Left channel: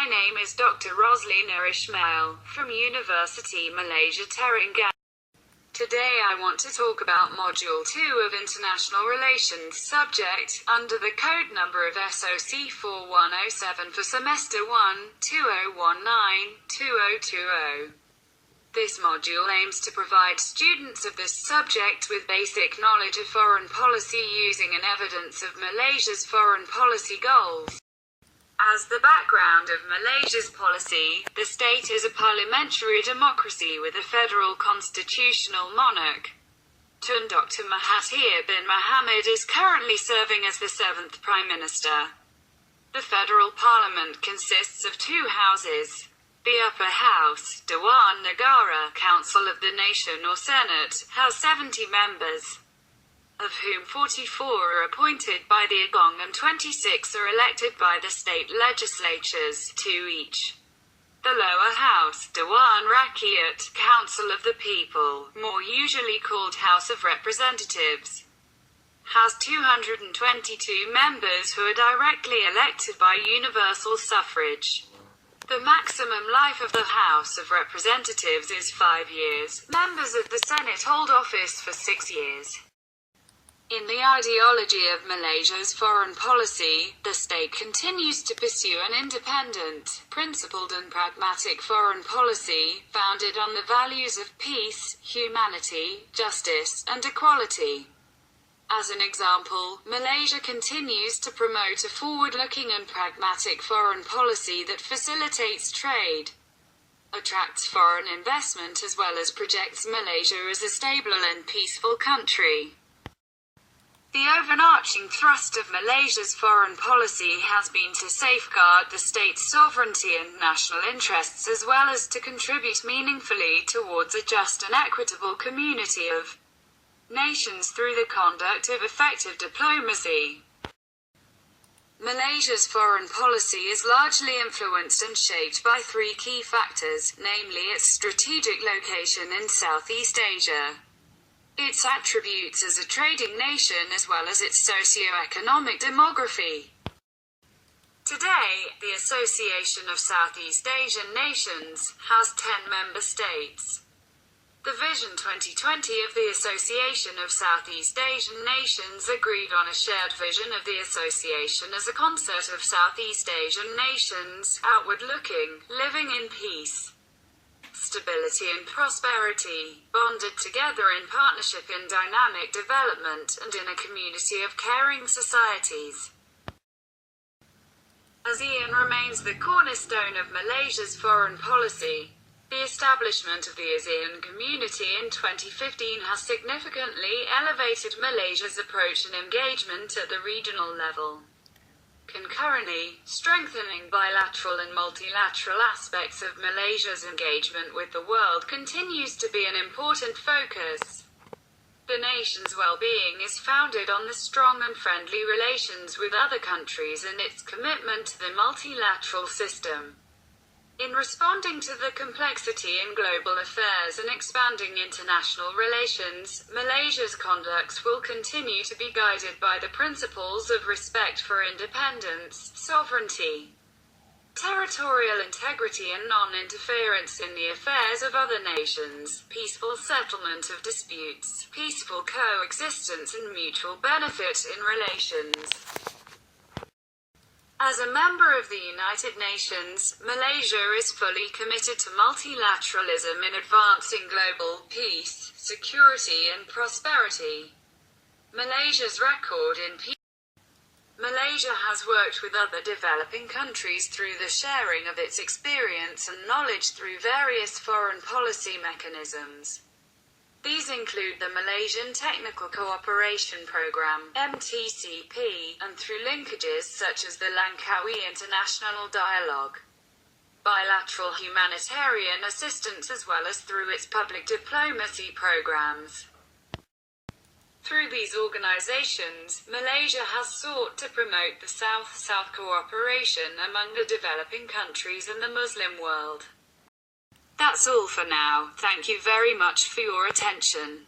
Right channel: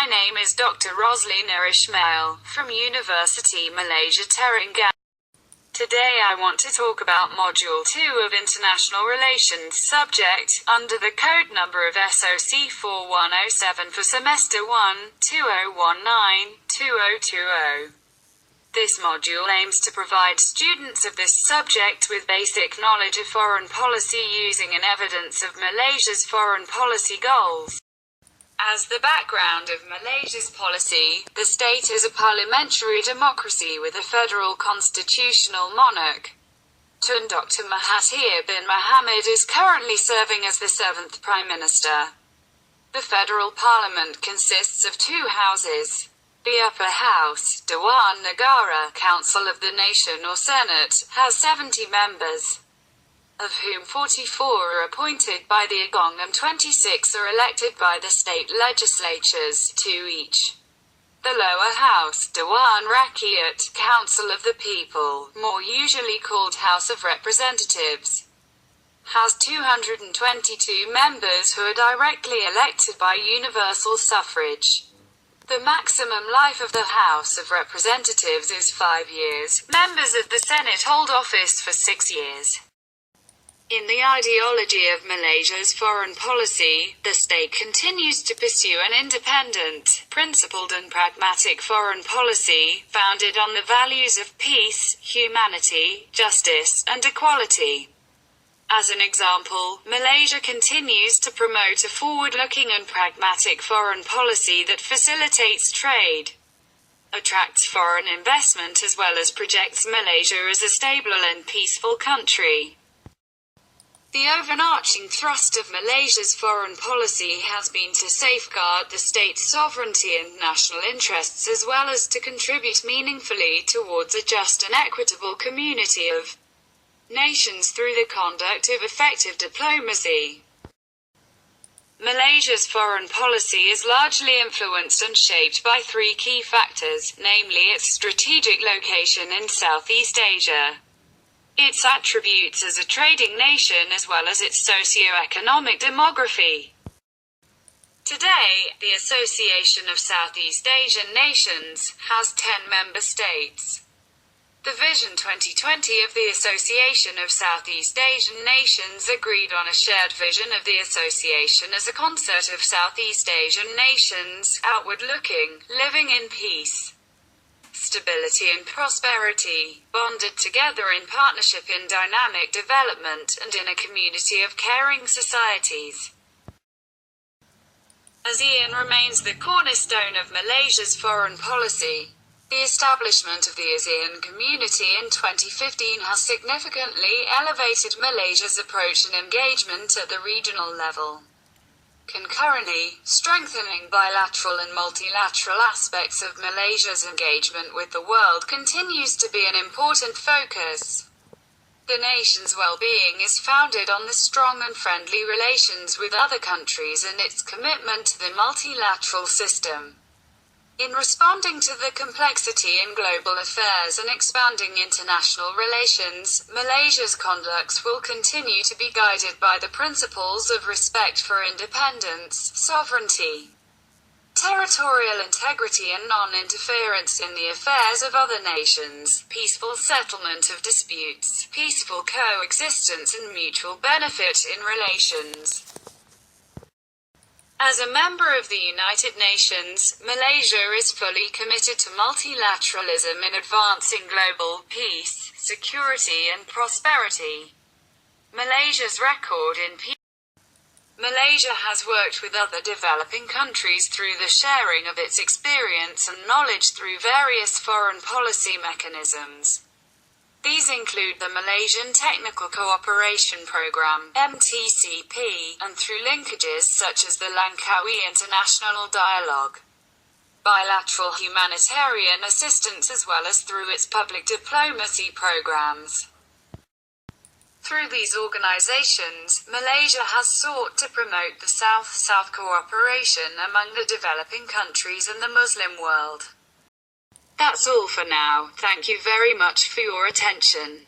My name is Dr. Roslina Ismail, from Universiti Malaysia Terengganu. Today I want to talk about Module 2 of International Relations subject, under the code number of SOC 4107 for Semester 1, 2019-2020. This module aims to provide students of this subject with basic knowledge of foreign policy using an evidence of Malaysia's foreign policy goals. As the background of Malaysia's policy, the state is a parliamentary democracy with a federal constitutional monarch. Tun Dr. Mahathir bin Mohamad is currently serving as the 7th Prime Minister. The federal parliament consists of two houses. The upper house, Dewan Negara, Council of the Nation or Senate, has 70 members, of whom 44 are appointed by the Agong and 26 are elected by the state legislatures, 2 each. The lower house, Dewan Rakyat, Council of the People, more usually called House of Representatives, has 222 members who are directly elected by universal suffrage. The maximum life of the House of Representatives is 5 years. Members of the Senate hold office for 6 years. In the ideology of Malaysia's foreign policy, the state continues to pursue an independent, principled and pragmatic foreign policy, founded on the values of peace, humanity, justice, and equality. As an example, Malaysia continues to promote a forward-looking and pragmatic foreign policy that facilitates trade, attracts foreign investment as well as projects Malaysia as a stable and peaceful country. The overarching thrust of Malaysia's foreign policy has been to safeguard the state's sovereignty and national interests as well as to contribute meaningfully towards a just and equitable community of nations through the conduct of effective diplomacy. Malaysia's foreign policy is largely influenced and shaped by 3 key factors, namely its strategic location in Southeast Asia, its attributes as a trading nation as well as its socio-economic demography. Today, the Association of Southeast Asian Nations has 10 member states. The Vision 2020 of the Association of Southeast Asian Nations agreed on a shared vision of the association as a concert of Southeast Asian nations, outward-looking, living in peace, stability and prosperity, bonded together in partnership in dynamic development and in a community of caring societies. ASEAN remains the cornerstone of Malaysia's foreign policy. The establishment of the ASEAN community in 2015 has significantly elevated Malaysia's approach and engagement at the regional level. Concurrently, strengthening bilateral and multilateral aspects of Malaysia's engagement with the world continues to be an important focus. The nation's well-being is founded on the strong and friendly relations with other countries and its commitment to the multilateral system. In responding to the complexity in global affairs and expanding international relations, Malaysia's conduct will continue to be guided by the principles of respect for independence, sovereignty, territorial integrity and non-interference in the affairs of other nations, peaceful settlement of disputes, peaceful coexistence and mutual benefit in relations. As a member of the United Nations, Malaysia is fully committed to multilateralism in advancing global peace, security and prosperity. Malaysia's record in peace. Malaysia has worked with other developing countries through the sharing of its experience and knowledge through various foreign policy mechanisms. These include the Malaysian Technical Cooperation Programme (MTCP), and through linkages such as the Langkawi International Dialogue, bilateral humanitarian assistance as well as through its public diplomacy programs. Through these organizations, Malaysia has sought to promote the South-South cooperation among the developing countries and the Muslim world. That's all for now. Thank you very much for your attention.